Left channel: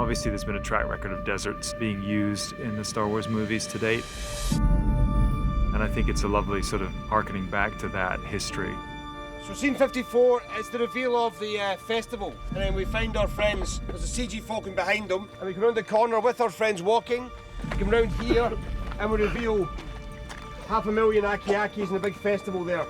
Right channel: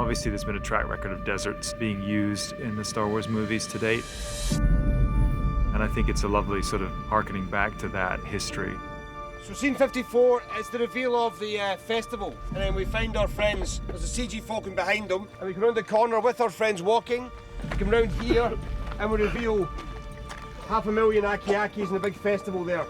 Obviously, there's been a track record of deserts being used in the Star Wars movies to date. And I think it's a lovely sort of harkening back to that history. So scene 54 is the reveal of the festival. And then we find our friends. There's a CG Falcon behind them. And we come round the corner with our friends walking. We come round here and we reveal 500,000 Aki-Akis in the big festival there.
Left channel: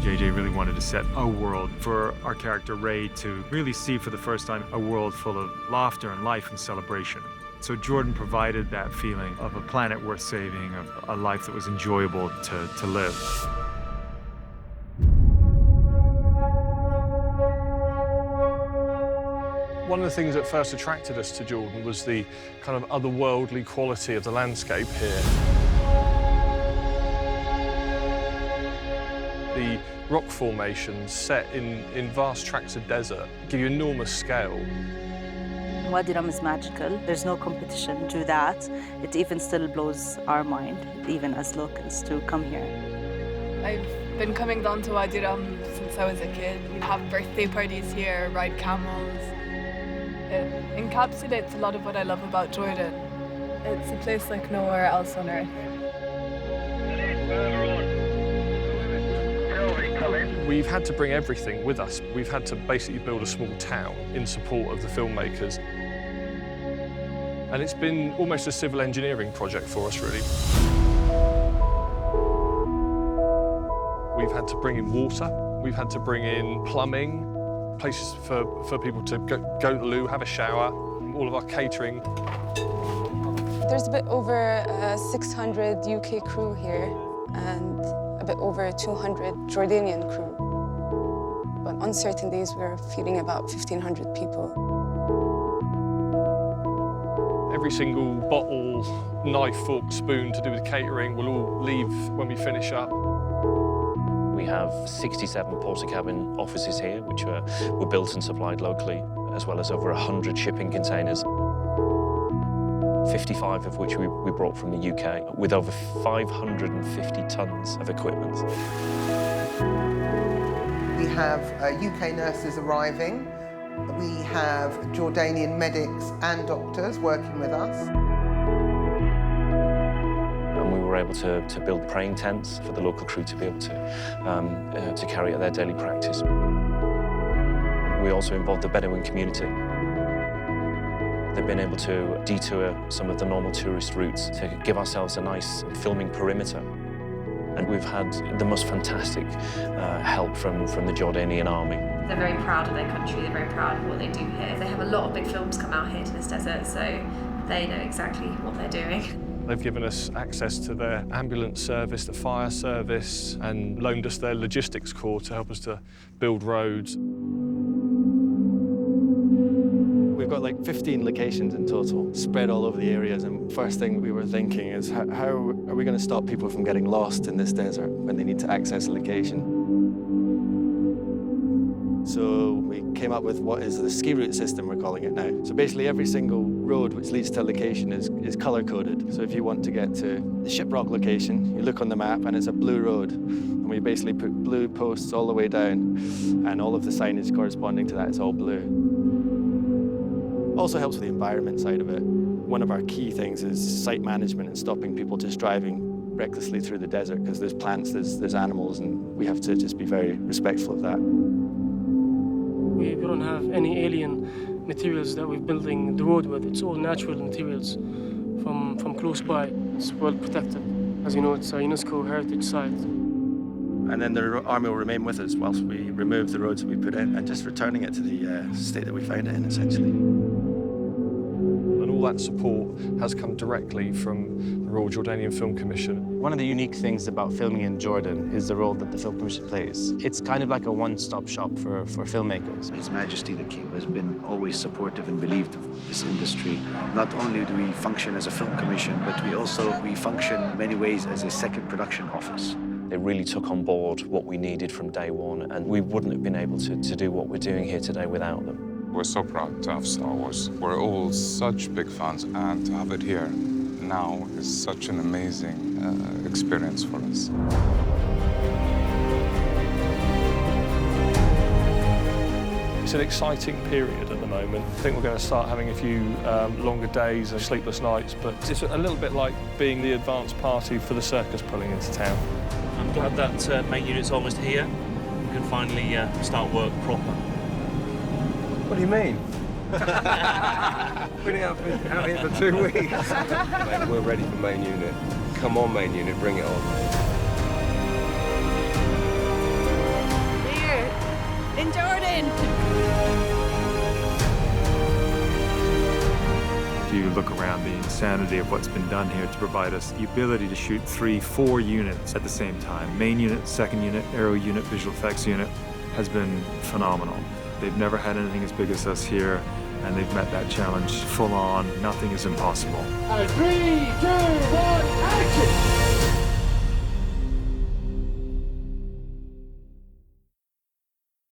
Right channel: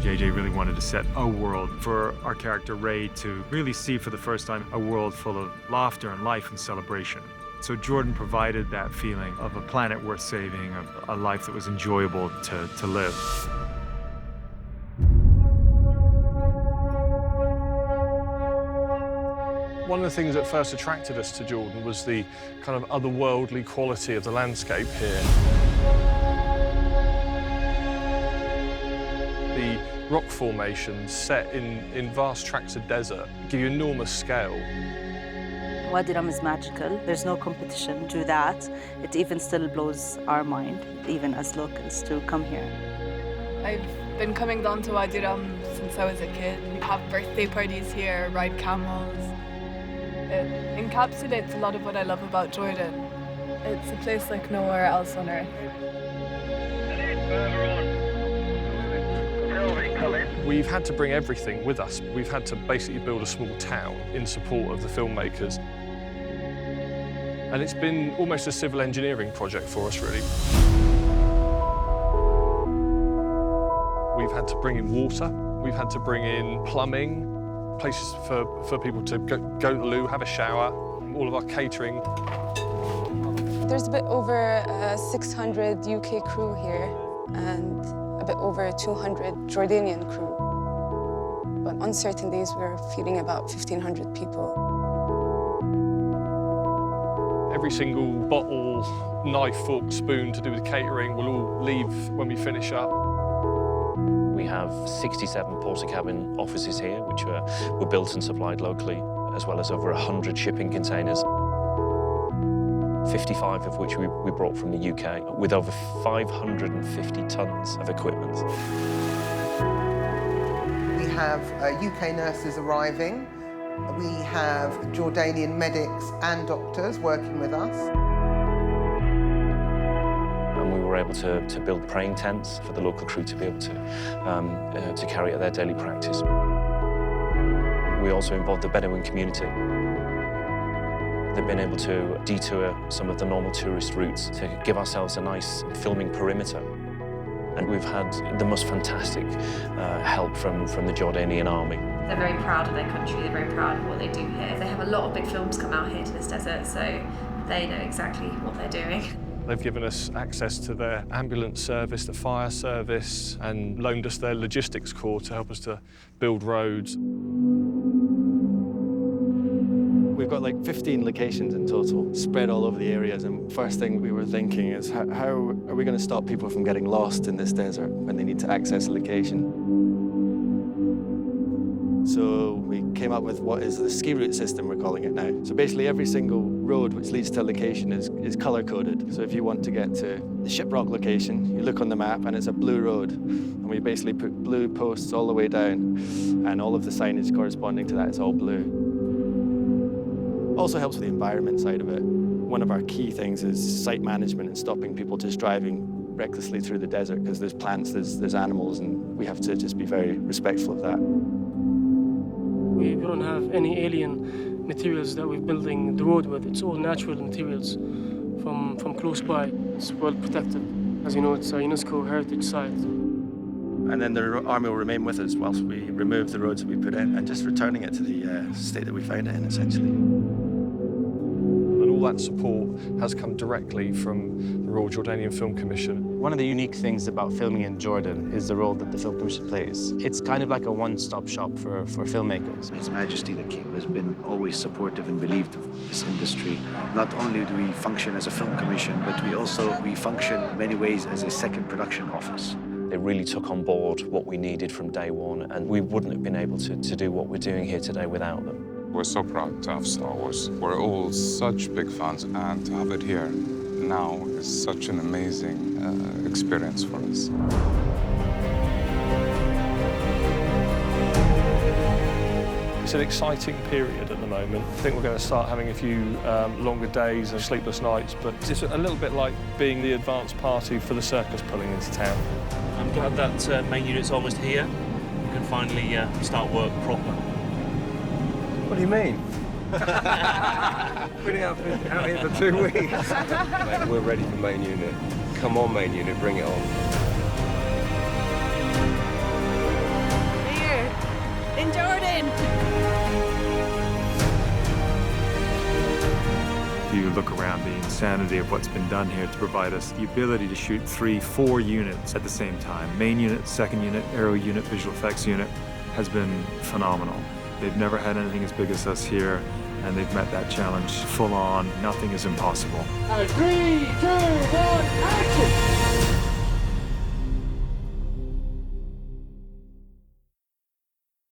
JJ really wanted to set a world for our character Rey to really see for the first time a world full of laughter and life and celebration. So Jordan provided that feeling of a planet worth saving, of a life that was enjoyable to live. One of the things that first attracted us to Jordan was the kind of otherworldly quality of the landscape here. The rock formations set in vast tracts of desert give you enormous scale. Wadi Rum is magical. There's no competition to that. It even still blows our mind, even as locals, to come here. I've been coming down to Wadi Rum since I was a kid. We have birthday parties here, ride camels. It encapsulates a lot of what I love about Jordan. It's a place like nowhere else on Earth. We've had to bring everything with us. We've had to basically build a small town in support of the filmmakers. And it's been almost a civil engineering project for us, really. We've had to bring in water. We've had to bring in plumbing, places for people to go to the loo, have a shower, all of our catering. There's a bit over 600 UK crew here and a bit over 200 Jordanian crew. But on certain days, we're feeding about 1,500 people. Every single bottle, knife, fork, spoon to do with catering will all leave when we finish up. We have 67 porter-cabin offices here, which were built and supplied locally, as well as over 100 shipping containers, 55 of which we brought from the UK, with over 550 tons of equipment. We have UK nurses arriving. We have Jordanian medics and doctors working with us. And we were able to build praying tents for the local crew to be able to carry out their daily practice. We also involved the Bedouin community. They've been able to detour some of the normal tourist routes to give ourselves a nice filming perimeter. And we've had the most fantastic help from the Jordanian army. They're very proud of their country, they're very proud of what they do here. They have a lot of big films come out here to this desert, so they know exactly what they're doing. They've given us access to their ambulance service, the fire service, and loaned us their logistics corps to help us to build roads. We've got like 15 locations in total, spread all over the areas, and first thing we were thinking is how are we going to stop people from getting lost in this desert when they need to access a location? So we came up with what is the ski route system, we're calling it now. So basically every single road which leads to a location is color-coded. So if you want to get to the Shiprock location, you look on the map and it's a blue road. And we basically put blue posts all the way down, and all of the signage corresponding to that is all blue. Also helps with the environment side of it. One of our key things is site management and stopping people just driving recklessly through the desert, because there's plants, there's animals, and we have to just be very respectful of that. We don't have any alien materials that we're building the road with. It's all natural materials from close by. It's well protected. As you know, it's a UNESCO heritage site. And then the army will remain with us whilst we remove the roads that we put in and just returning it to the state that we found it in, essentially. And all that support has come directly from the Royal Jordanian Film Commission. One of the unique things about filming in Jordan is the role that the Film Commission plays. It's kind of like a one-stop shop for filmmakers. His Majesty the King has been always supportive and believed of this industry. Not only do we function as a film commission, but we function in many ways as a second production office. They really took on board what we needed from day one, and we wouldn't have been able to do what we're doing here today without them. We're so proud to have Star Wars. We're all such big fans, and to have it here now is such an amazing experience for us. It's an exciting period at the moment. I think we're going to start having a few longer days and sleepless nights, but it's a little bit like being the advance party for the circus pulling into town. I'm glad that main unit's almost here. We can finally start work proper. What do you mean? Been out here for 2 weeks. Mate, we're ready for main unit. Come on, main unit, bring it on. Here, in Jordan. If you look around the insanity of what's been done here to provide us the ability to shoot 3, 4 units at the same time. Main unit, second unit, aero unit, visual effects unit has been phenomenal. They've never had anything as big as us here, and they've met that challenge full on. Nothing is impossible. 3, 2, 1, action!